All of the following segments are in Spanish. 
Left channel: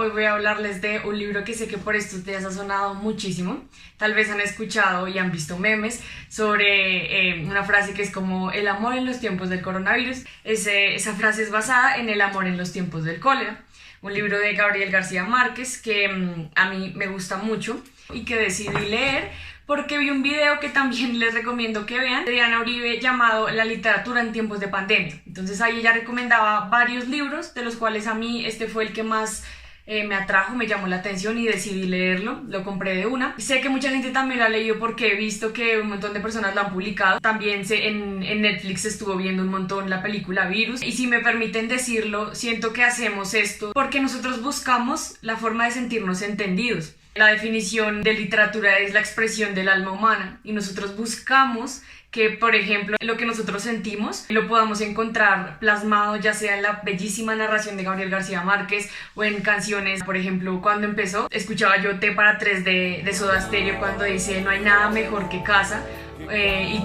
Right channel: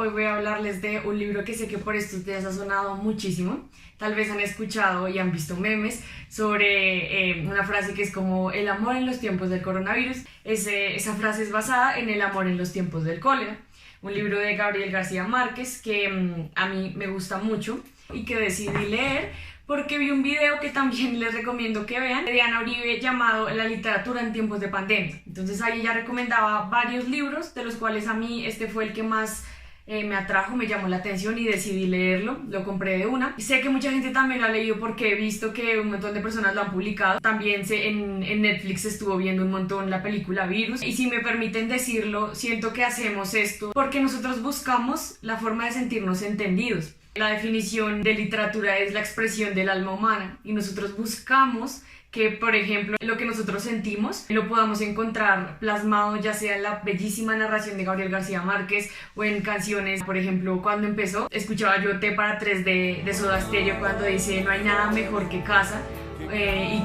hoy voy a hablarles de un libro que sé que por estos días ha sonado muchísimo. Tal vez han escuchado y han visto memes sobre una frase que es como el amor en los tiempos del coronavirus. Esa frase es basada en el amor en los tiempos del cólera, un libro de Gabriel García Márquez que a mí me gusta mucho y que decidí leer porque vi un video que también les recomiendo que vean, de Diana Uribe, llamado La literatura en tiempos de pandemia. Entonces ahí ella recomendaba varios libros, de los cuales a mí este fue el que más me atrajo, me llamó la atención y decidí leerlo, lo compré de una. Sé que mucha gente también lo ha leído porque he visto que un montón de personas lo han publicado. También en Netflix estuvo viendo un montón la película Virus, y si me permiten decirlo, siento que hacemos esto porque nosotros buscamos la forma de sentirnos entendidos. La definición de literatura es la expresión del alma humana y nosotros buscamos que, por ejemplo, lo que nosotros sentimos lo podamos encontrar plasmado ya sea en la bellísima narración de Gabriel García Márquez o en canciones. Por ejemplo, cuando empezó, escuchaba yo T para Tres de Soda Stereo cuando dice no hay nada mejor que casa,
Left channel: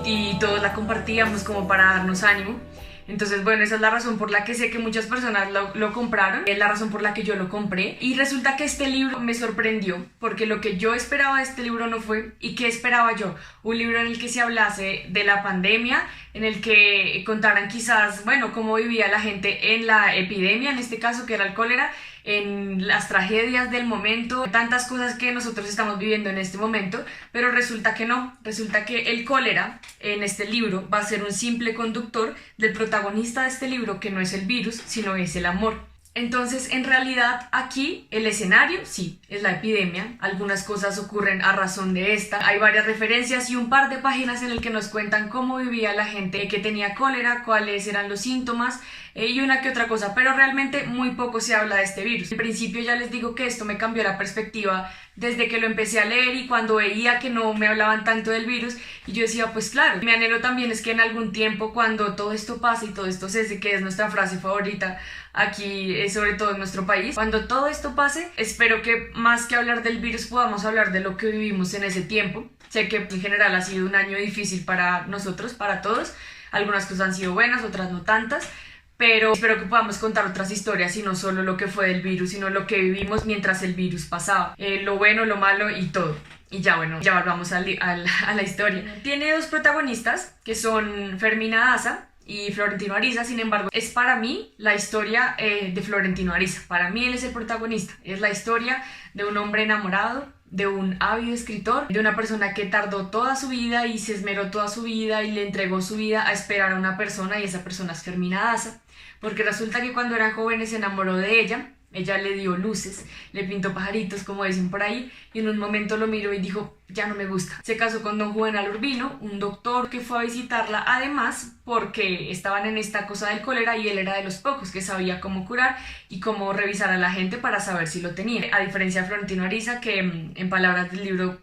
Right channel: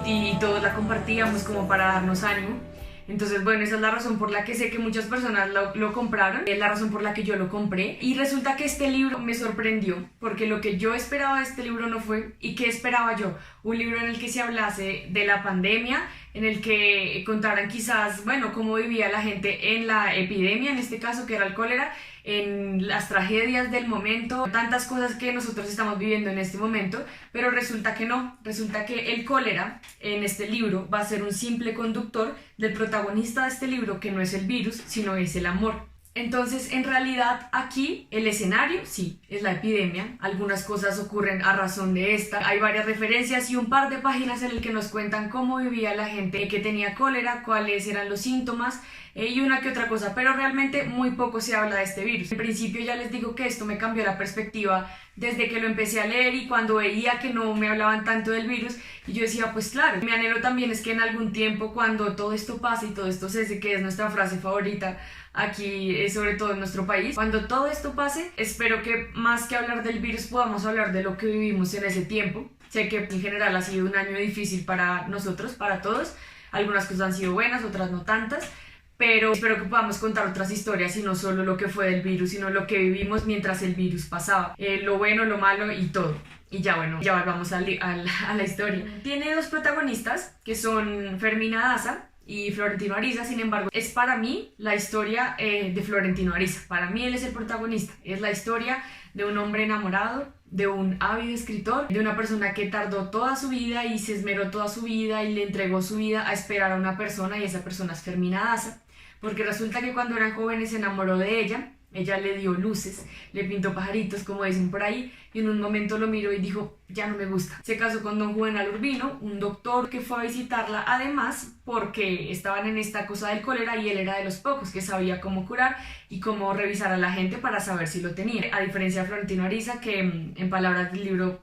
y todos la compartíamos como para darnos ánimo. Entonces, bueno, esa es la razón por la que sé que muchas personas lo compraron, es la razón por la que yo lo compré. Y resulta que este libro me sorprendió, porque lo que yo esperaba de este libro no fue. ¿Y qué esperaba yo? Un libro en el que se hablase de la pandemia, en el que contaran quizás, bueno, cómo vivía la gente en la epidemia, en este caso que era el cólera, en las tragedias del momento, tantas cosas que nosotros estamos viviendo en este momento, pero resulta que no, resulta que el cólera en este libro va a ser un simple conductor del protagonista de este libro, que no es el virus, sino es el amor. Entonces, en realidad, aquí el escenario, sí, es la epidemia. Algunas cosas ocurren a razón de esta. Hay varias referencias y un par de páginas en el que nos cuentan cómo vivía la gente que tenía cólera, cuáles eran los síntomas, y una que otra cosa, pero realmente muy poco se habla de este virus. En principio ya les digo que esto me cambió la perspectiva desde que lo empecé a leer y cuando veía que no me hablaban tanto del virus, y yo decía, pues claro, mi anhelo también es que en algún tiempo, cuando todo esto pase y todo esto cese, que es nuestra frase favorita aquí, sobre todo en nuestro país, cuando todo esto pase, espero que más que hablar del virus podamos hablar de lo que vivimos en ese tiempo. Sé que en general ha sido un año difícil para nosotros, para todos. Algunas cosas han sido buenas, otras no tantas, pero espero que podamos contar otras historias y no solo lo que fue del virus, sino lo que vivimos mientras el virus pasaba, lo bueno, lo malo y todo. Y ya bueno, ya volvamos a la historia. Tiene dos protagonistas que son Fermina Daza y Florentino Ariza. Sin embargo, es para mí la historia de Florentino Ariza. Para mí él es el protagonista, es la historia de un hombre enamorado, de un ávido escritor, de una persona que tardó toda su vida y se esmeró toda su vida y le entregó su vida a esperar a una persona, y esa persona es Fermina Daza, porque resulta que cuando eran jóvenes se enamoró de ella le dio luces, le pintó pajaritos, como dicen por ahí, y en un momento lo miró y dijo, ya no me gusta. Se casó con don Juvenal Urbino, un doctor que fue a visitarla, además porque estaban en esta cosa del cólera y él era de los pocos que sabía cómo curar y cómo revisar a la gente para saber si lo tenía. A diferencia de Florentino Ariza, que en palabras del libro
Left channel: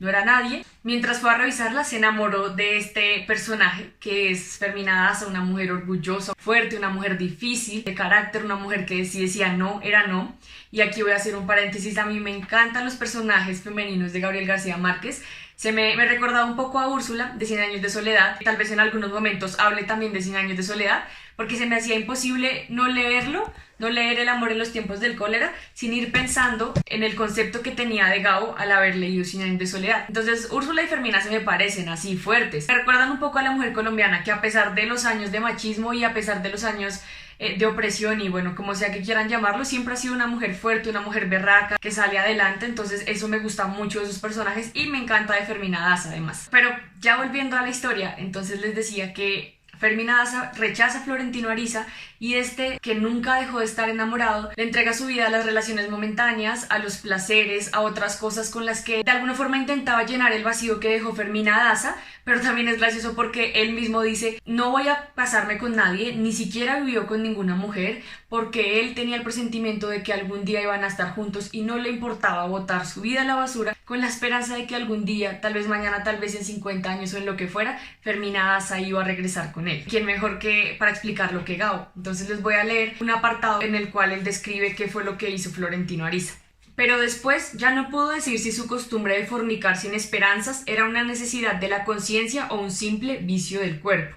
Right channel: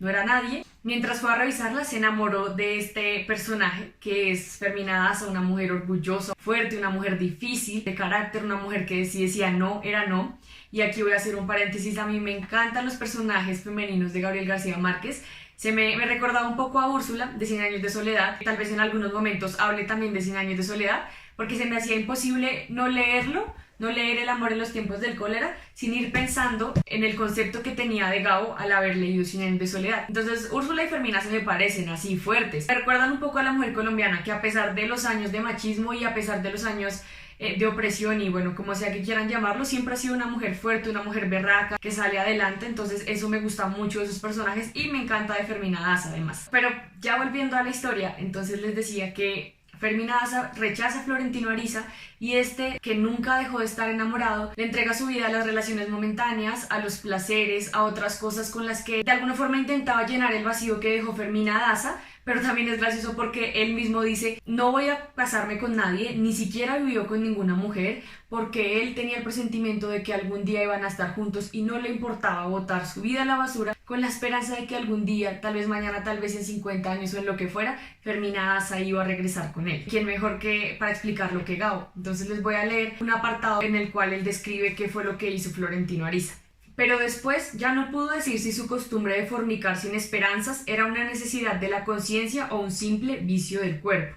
no era nadie. Mientras fue a revisarla, se enamoró de este personaje que es Fermina Daza, una mujer orgullosa, fuerte, una mujer difícil de carácter, una mujer que si decía no, era no. Y aquí voy a hacer un paréntesis, a mí me encantan los personajes femeninos de Gabriel García Márquez. Me recordaba un poco a Úrsula de Cien años de soledad, tal vez en algunos momentos hable también de Cien años de soledad, porque se me hacía imposible no leerlo, no leer El amor en los tiempos del cólera, sin ir pensando en el concepto que tenía de Gabo al haber leído Cien años de soledad. Entonces Úrsula y Fermina se me parecen así fuertes. Me recuerdan un poco a la mujer colombiana, que a pesar de los años de machismo y a pesar de los años de opresión y bueno, como sea que quieran llamarlo, siempre ha sido una mujer fuerte, una mujer berraca, que sale adelante. Entonces eso me gusta mucho de esos personajes y me encanta de Fermina Daza además. Pero ya volviendo a la historia, entonces les decía que Fermina Daza rechaza a Florentino Ariza y este, que nunca dejó de estar enamorado, le entrega su vida a las relaciones momentáneas, a los placeres, a otras cosas con las que de alguna forma intentaba llenar el vacío que dejó Fermina Daza. Pero también es gracioso porque él mismo dice, no voy a casarme con nadie, ni siquiera vivió con ninguna mujer, porque él tenía el presentimiento de que algún día iban a estar juntos y no le importaba botar su vida a la basura con la esperanza de que algún día, tal vez mañana, tal vez en 50 años o en lo que fuera, Fermina Daza iba a regresar con él. ¿Quién mejor que para explicarlo que Gabo? Entonces les voy a leer un apartado en el cual él describe qué fue lo que hizo Florentino Ariza. Pero después ya no pudo decir si su costumbre de fornicar sin esperanzas era una necesidad de la conciencia o un simple vicio del cuerpo.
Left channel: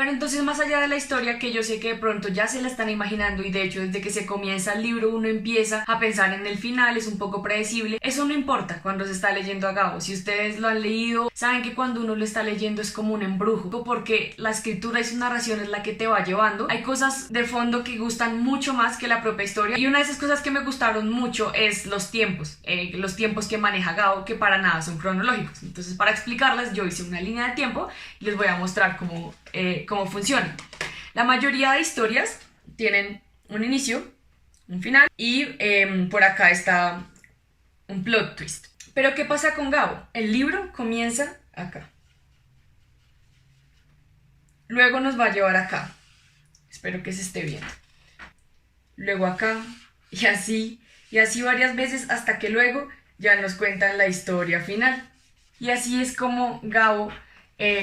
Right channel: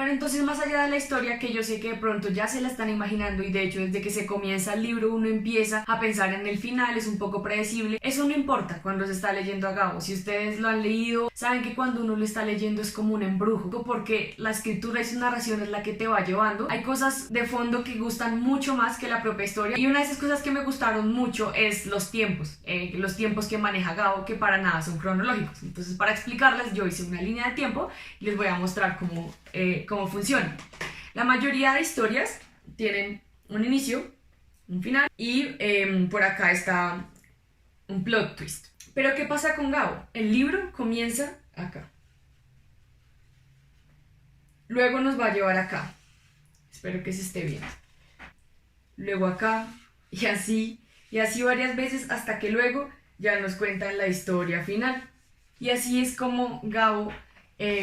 Pero entonces, más allá de la historia, que yo sé que de pronto ya se la están imaginando, y de hecho desde que se comienza el libro uno empieza a pensar en el final, es un poco predecible, eso no importa cuando se está leyendo a Gabo. Si ustedes lo han leído, saben que cuando uno lo está leyendo es como un embrujo, porque la escritura y su narración es la que te va llevando. Hay cosas de fondo que gustan mucho más que la propia historia, y una de esas cosas que me gustaron mucho es los tiempos que maneja Gabo, que para nada son cronológicos. Entonces, para explicarlas, yo hice una línea de tiempo y les voy a mostrar cómo funciona. La mayoría de historias tienen un inicio, un final y por acá está un plot twist. Pero ¿qué pasa con Gabo? El libro comienza acá. Luego nos va a llevar acá. Espero que se esté viendo. Luego acá y así varias veces hasta que luego ya nos cuentan la historia final. Y así es como Gabo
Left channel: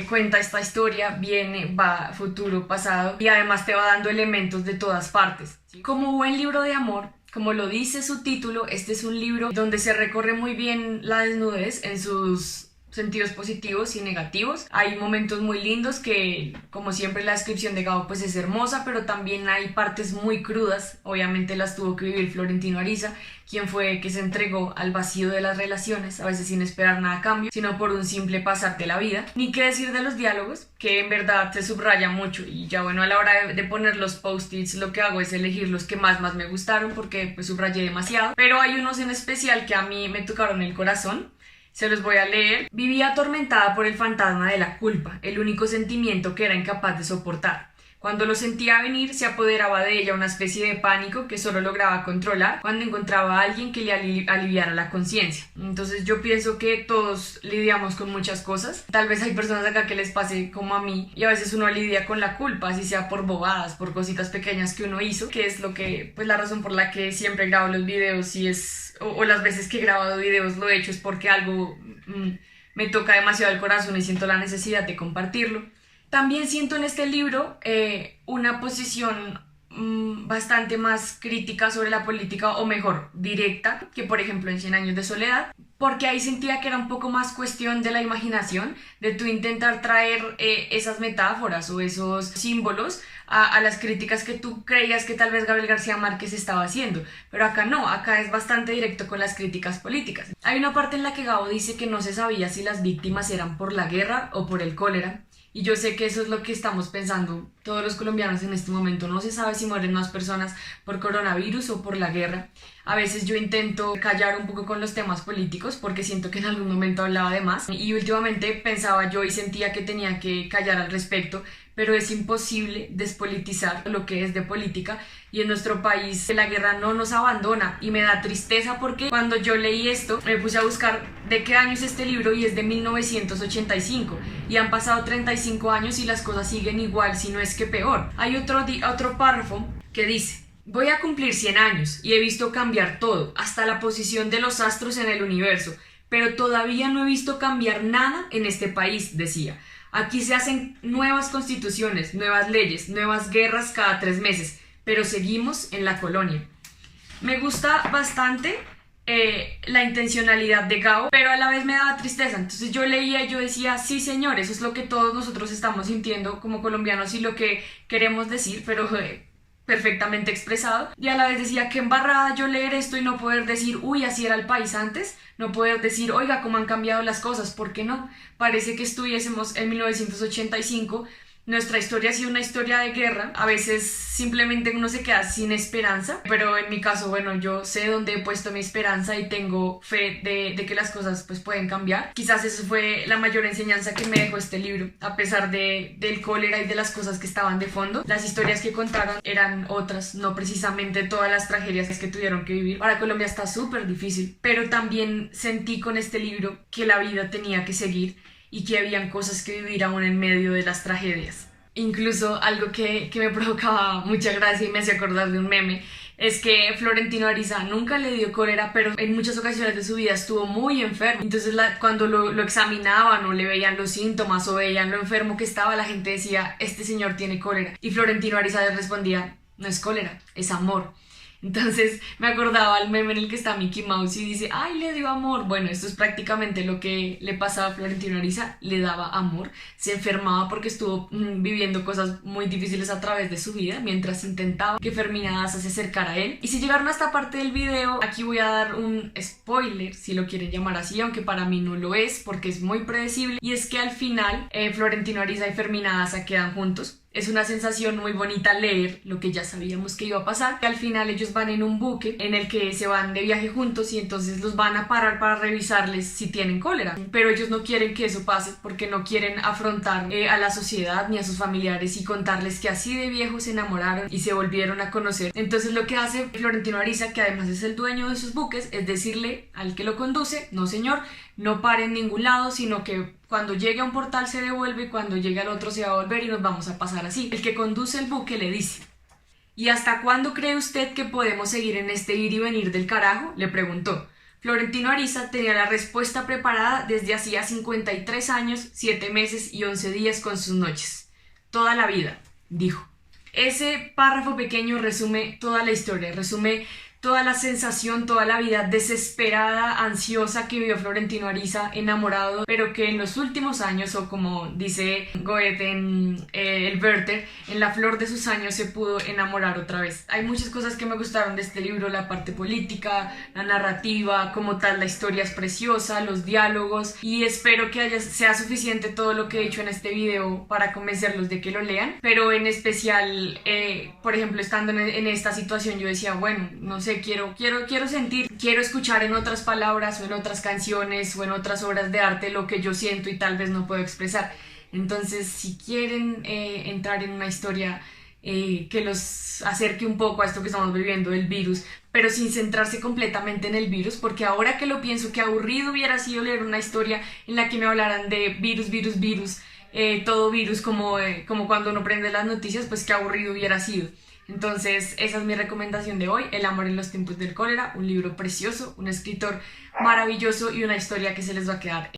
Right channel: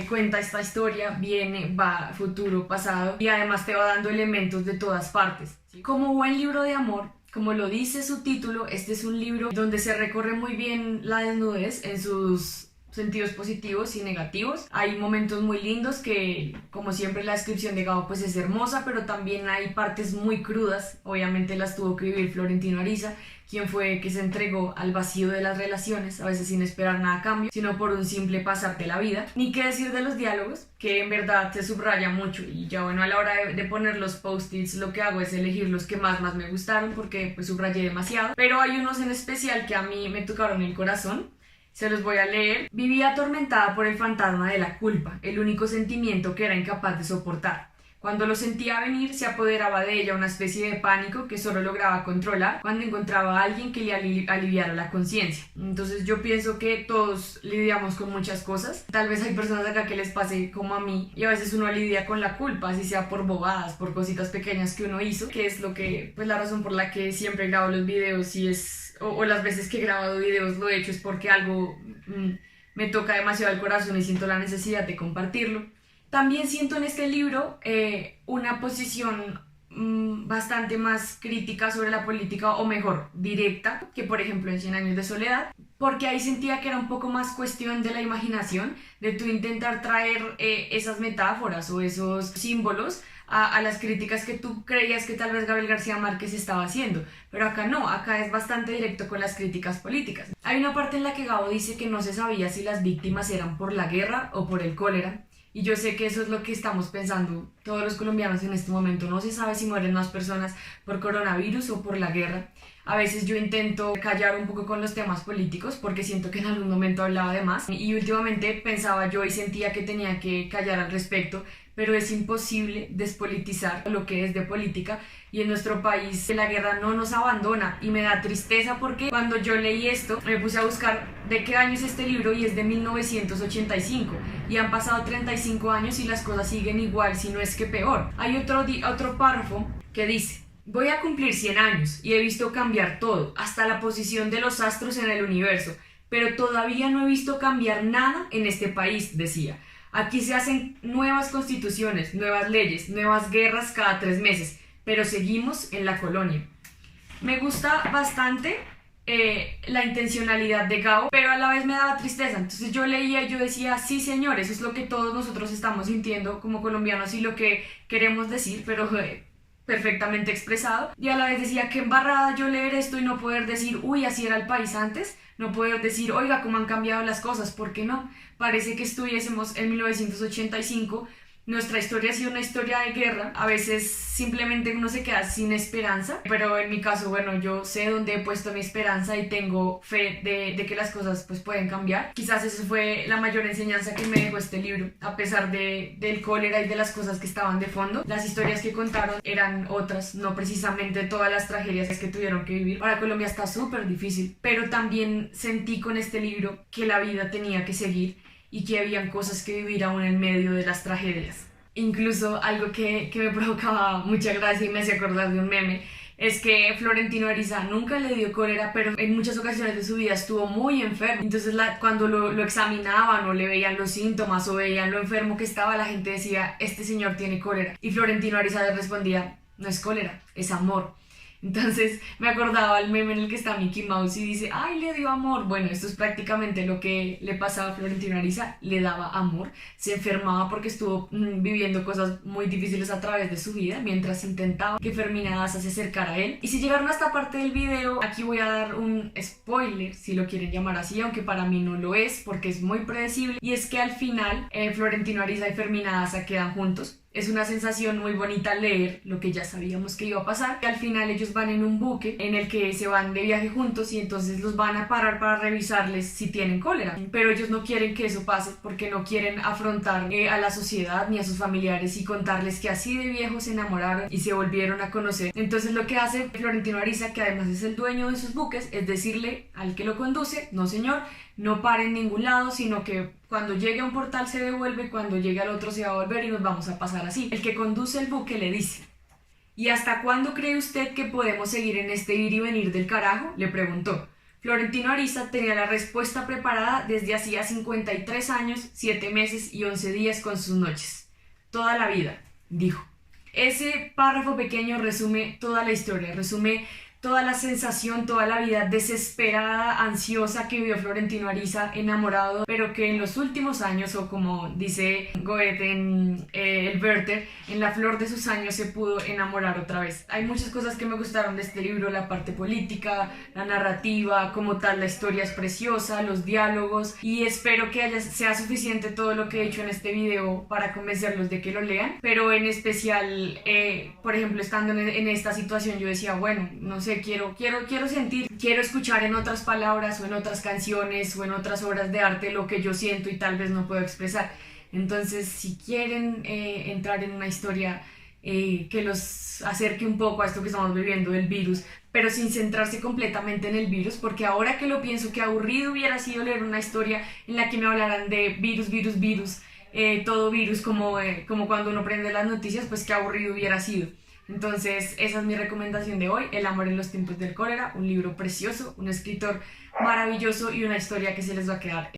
cuenta esta historia, viene, va, futuro, pasado, y además te va dando elementos de todas partes. Como buen libro de amor, como lo dice su título, este es un libro donde se recorre muy bien la desnudez en sus sentidos positivos y negativos. Hay momentos muy lindos que, como siempre, la descripción de Gabo pues es hermosa, pero también hay partes muy crudas. Obviamente las tuvo que vivir Florentino Ariza, quien fue que se entregó al vacío de las relaciones, a veces sin esperar nada a cambio, sino por un simple pasar de la vida. Ni qué decir de los diálogos, que en verdad se subraya mucho, y ya bueno, a la hora de poner los post-its lo que hago es elegir los que más me gustaron, porque pues subrayé demasiado, pero hay unos en especial que a mí me tocaron el corazón. Se los voy a leer. Vivía atormentada por el fantasma de la culpa, el único sentimiento que era incapaz de soportar. Cuando lo sentía venir, se apoderaba de ella una especie de pánico que solo lograba controlar cuando encontraba a alguien que le aliviara la conciencia. Entonces yo pienso que todos lidiamos con muchas cosas. Tal vez hay personas acá que les pase como a mí, y a veces uno lidia con la culpa, así sea por bobadas, por cositas pequeñas que uno hizo, que es lo que, pues la razón por la que siempre grabo los videos, o las veces que he grabado videos lo he hecho es porque algo me toca demasiado el corazón y siento la necesidad de compartirlo. También siento en este libro una posición bastante más crítica sobre la política, o mejor, directa, que por ejemplo en 100 años de soledad, porque ahí sentía que era un poco más cuestión de la imaginación, de tú intentar traer esas metáforas o esos símbolos a las críticas que tú creías que tal vez Gabriel García Márquez estaba haciendo, pero acá no, acá es bastante directo con las críticas políticas. Hay una parte en la que Gabo dice que no se sabía si las víctimas eran por la guerra o por el cólera, y yo sé que eso es lo que estamos pensando todos los colombianos en este momento. No se sabe si mueren más personas por coronavirus o por la guerra. A veces yo intento callar un poco con los temas políticos porque siento que en algún momento hablaba de más, y últimamente pensaba yo y sentía que tenía que callar al respecto, pero es imposible despolitizar lo que es de política, y en nuestro país la guerra no nos abandona, y me da tristeza porque cuando yo leí esto me puse a buscar de qué año es este libro y es de 1985, y han pasado 35 años y las cosas siguen igual, si no es que peor. Hay otro párrafo que dice: voy a cumplir 100 años y he visto cambiar todo, hasta la posición de los astros en el universo, pero todavía no he visto cambiar nada en este país, decía. Aquí se hacen nuevas constituciones, nuevas leyes, nuevas guerras cada 3 meses, pero seguimos en la colonia. Me gusta bastante la intencionalidad de Gabo, pero a la vez me daba tristeza. Entonces yo leía y yo decía, sí señor, eso es lo que todos nosotros estamos sintiendo como colombianos y lo que queremos decir, pero perfectamente expresado. Y a la vez decía, qué embarrada yo leer esto y no poder decir, uy, así era el país antes. No poder decir, oiga, cómo han cambiado las cosas, ¿por qué no? Parece que estuviésemos en 1985. Nuestra historia ha sido una historia de guerra. A veces simplemente uno se queda sin esperanza, pero en mi caso, bueno, yo sé dónde he puesto mi esperanza y tengo fe de que las cosas pues pueden cambiar. Quizás eso fue la mayor enseñanza que me dejó este libro, a pesar del cólera y de las cosas que estaban de fondo. Las historias que contaron eran otras, no precisamente todas las tragedias que tuvieron que vivir. Para Colombia está súper difícil, pero también sentí con este libro que la vida tenía que seguir y que habían cosas que vivir aún en medio de las tragedias. Incluso algo que me provocaba mucha gracia y me hacía acordar de un meme es que Florentino Ariza nunca le dio cólera, pero en muchas ocasiones de su vida estuvo muy enfermo. Entonces cuando lo examinaban o le veían los síntomas o veían lo enfermo que estaba, la gente decía, este señor tiene cólera. Y Florentino Ariza le respondía, no es cólera, es amor. Entonces me acordaba el meme en el que está Mickey Mouse y dice, ay, le dio amor. Bueno, esto es prácticamente lo que le pasaba a Florentino Ariza, le daba amor, se enfermaba porque estuvo viviendo cosas muy difíciles a través de su vida mientras intentaba que Fermina Daza se acercara a él. Y si llegaron a esta parte del video, aquí voy a dar un spoiler, si lo quieren llamar así, aunque para mí no lo es porque es muy predecible, y es que al final Florentino Ariza y Fermina Daza quedan juntos. Es una sensación muy bonita leer lo que ya sabíamos que iba a pasar, que al final ellos van en un buque en el que se van de viaje juntos y entonces los van a parar para revisarles si tienen cólera, pero ellos no quieren que eso pase porque no quieren afrontar a la sociedad ni a sus familiares y contarles que así de viejos se enamoraron y se volvieron a conocer. Entonces lo que hace Florentino Ariza, que además es el dueño de sus buques, es decirle al que lo conduce, no señor, no pare en ningún lado, sino que cuando llegue a un portal se devuelve, cuando llegue al otro se va a volver y nos vamos a pasar así. El que conduce el buque le dice, ¿y hasta cuándo cree usted que podemos seguir en este ir y venir del carajo?, le preguntó. Florentino Ariza tenía la respuesta preparada desde hacía 53 años, 7 meses y 11 días con sus noches. Toda la vida, dijo. Ese párrafo pequeño resume toda la historia, resume toda la sensación, toda la vida desesperada, ansiosa que vivió Florentino Ariza, enamorado, pero que en los últimos años, o como dice Goethe en el Werther, en la flor de sus años se pudo enamorar otra vez. Hay muchas cosas que me gustaron de este libro, la parte política, la narrativa, como tal, la historia es preciosa, los diálogos, y espero que sea suficiente todo lo que he dicho en este video para convencerlos de que lo lean, pero en especial, por ejemplo, estando en esta situación, yo decía, bueno, no sé, quiero sentir, quiero escuchar en otras palabras o en otras canciones o en otras obras de arte lo que yo siento y tal vez no puedo expresar. Entonces, si quieren entrar en una historia que los acerque un poco a esto que estamos viviendo del virus, pero sin centrarse completamente en el virus, porque ahora que lo pienso, qué aburrido hubiera sido leer una historia en la que me hablaran de virus, todo virus, como cuando uno prende las noticias, pues qué aburrido hubiera sido. Entonces, esa es mi recomendación de hoy, El amor en los tiempos del cólera, un libro precioso, un escritor maravilloso y una historia que se les va a quedar